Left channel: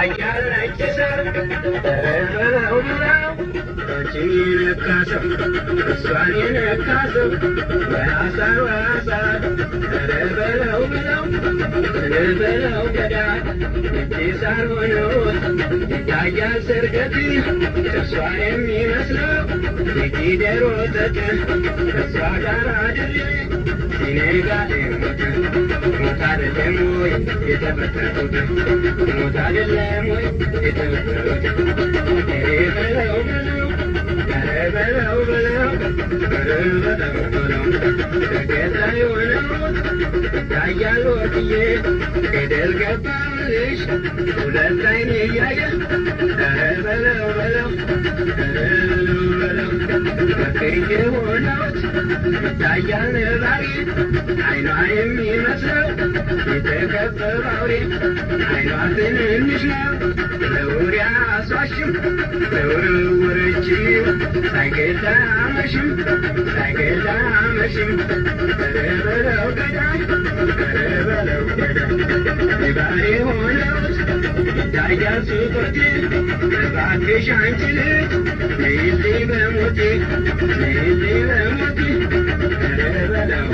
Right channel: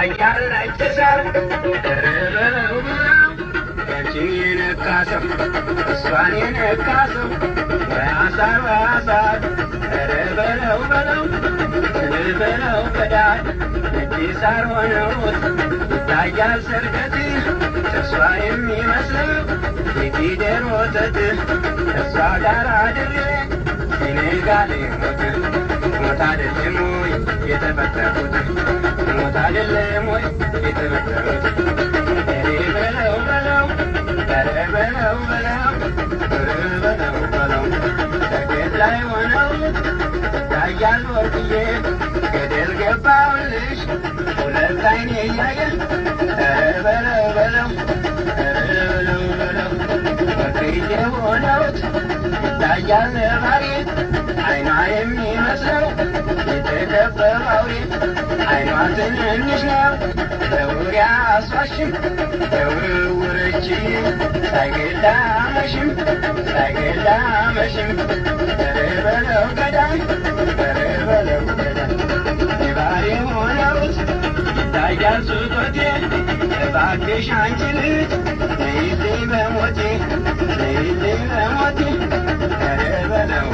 አያል አይተሳር ተረበለው ቢራው አንቺን የነካሰው እሷን የነካሰው ወያሳር ተረበለው በለው ገዳይ እጅ ሳር ሆነውት ይታያል ሰርገት ጥርሷ የሚመስለው የጊደር ወተት እሷ ጋር አድሬ ሲኔጋሌ ሞት አይደለም ወይ የተፈጠሩት ሞት አይደለም ወይ የተፈጠሩት በለው ሰርገት ላይ ሆነው ይታያል ወርቅዬ ገደል ገባሁልሽ ሁለት አይኔ እያየ በለው ወርቅዬ ሆነውት ይታያል ነባሬ አይኗ የሚመስለው የተከበበ አውሬ አይኗ ትንንሽ ነው ለውር አያስዋሽም ለውርውርችው ሳይገላ አመሽም በለው ገዳይ ባሬ ሆነውት ይታያል ስጦቴ እባክሽ አንቺ ልጅ ነይልኝ በሞቴ በለው